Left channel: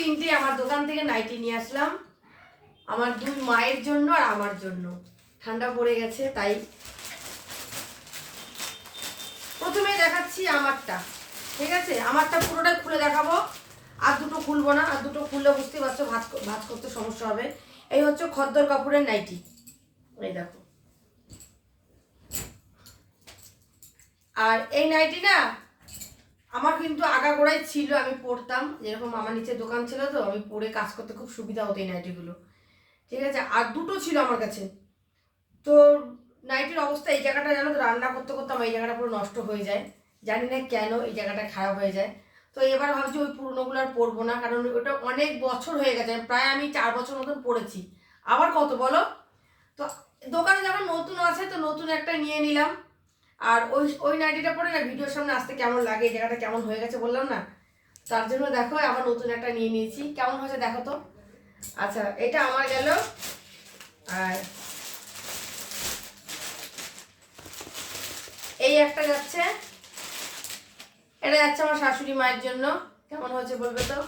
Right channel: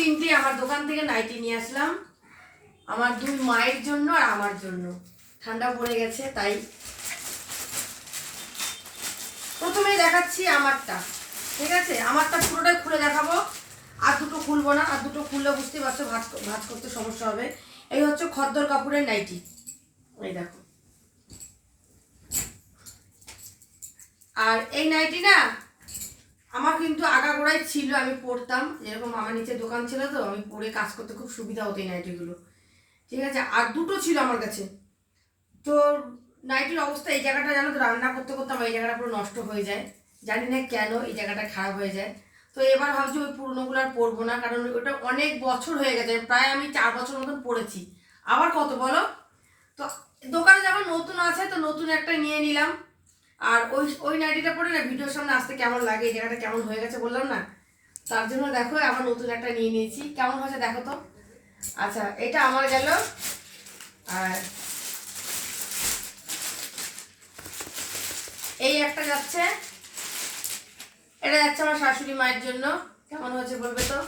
তিনটে আমার দোকান থেকে নাইটি নিয়ে আসলাম, আমার দুই মায়ের জন্য আর আমার জন্য। ঠান্ডা পড়ে গেছে তাই। প্রথমে দেখাচ্ছি আমারটা, ঠিক আছে? আমারটা পুরোটাই খুলে দেখাবো, আর দুটো খুলবো না। আর দুটো খুললে বুঝতে পারছো ভাঁজ করতে সমস্যা হবে। এই হচ্ছে খদ্দর কাপড়ের নাইটি, এই দেখো। আর এই নাইটি না আমার কিন্তু আগাগোড়াই ছিল, আমি পরতাম। যেরকম আমার নিচে দোকান ছিল, তো আমি পরে কাজ করতে খুব সুবিধা হতো এই নাইটিগুলো, ঠিক আছে? আর দুটো ছিল আমার কাছে। তো নাইটির অবস্থা এই জায়গাটা জানো তো, রান্না করতে করতে আমার এই জায়গাটা পুরো নষ্ট হয়ে যায়, জানি না কেন এই জায়গাটা খারাপ হয়ে যায়। তো এবার ভাবছি ওই পুরোনোগুলো আর পরবো না, কারণ ওটা অনেক বছর হয়ে গেছে, প্রায় আমি 4 বছর মতন পরেছি। আবার কত বলো তো? দোকানে যখন নতুন আছে তো নতুন একটা নিয়ে নিলাম। আর ওই ওই নাইটিটা পরে না ভিডিওর সামনে আসতে কেমন লাগে, এই জায়গাটা কেমন হয়ে গেছে বললাম না, তার জন্য দেখো আবার নতুন একটা নিয়ে নিয়েছি। কেমন হয়েছে দেখো তো। আচ্ছা, এটা আমার গেল। আর এই একটা যাচ্ছে, এটা যাচ্ছে আমার শাশুড়ি মায়ের জন্য। কেমন হয়েছে বলবে তো?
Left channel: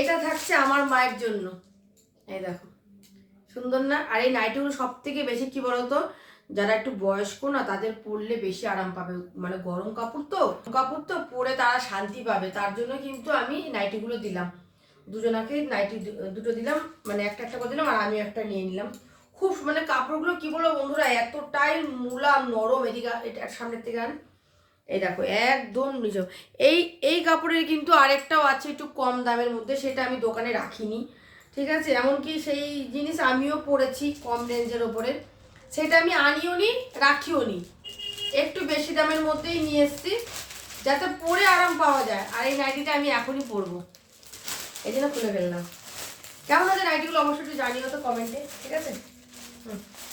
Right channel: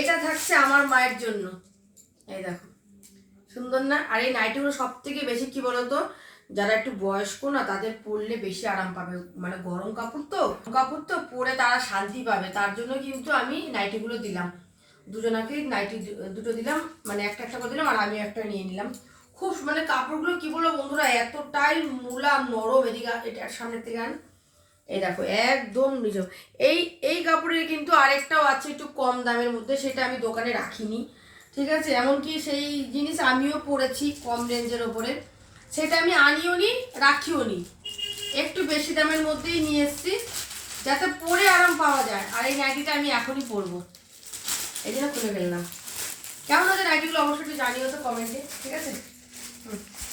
এটা থাকছে আমার মায়ের জন্য, এই দেখো সুন্দর না? আর এই নাইটিগুলো সব থেকে বেশি কি বলতো, যারা একটু বয়স্ক না তাদের পরলে বেশি আরাম পাবে, মানে গরম কাপড় তো পরে তারা শান্তি পাবে, তার জন্য কিন্তু আমি নাইটিগুলো দিলাম। দুজনাকে নাইটি দুটো দিলাম, মানে একটা একটা করে দিলাম, আর আমিও একটা নিয়ে নিলাম। খুব মানে কাপড়গুলো কি বলবো বন্ধুরা, এতটাই মুলাম নরম। এদিকে এটার সামনের থেকে আন, এই দেখো একদম নিজে। এই এই কাপড়ের কিন্তু আরেকটাও আছে একটু কম দামের মধ্যে, সেটা আমি দোকানে রাখিনি, ঠিক আছে? এমনকি সেই জিনিস আমিও পরেছি কম রেঞ্জের ওপরে, সেটা আমি আনিও নি রাখিও নি, একটু বেশি দামের মধ্যেই নিয়ে এসছি, যাতে পরে আরাম পাওয়া যায়। আর এই নাইটিটা আমি এখনই পরবো, এই জন্য খুলে ফেললাম। কেমন আছে নাইটিগুলো অবশ্যই একটু জানিও তো কমেন্টে, ঠিক আছে? হুম।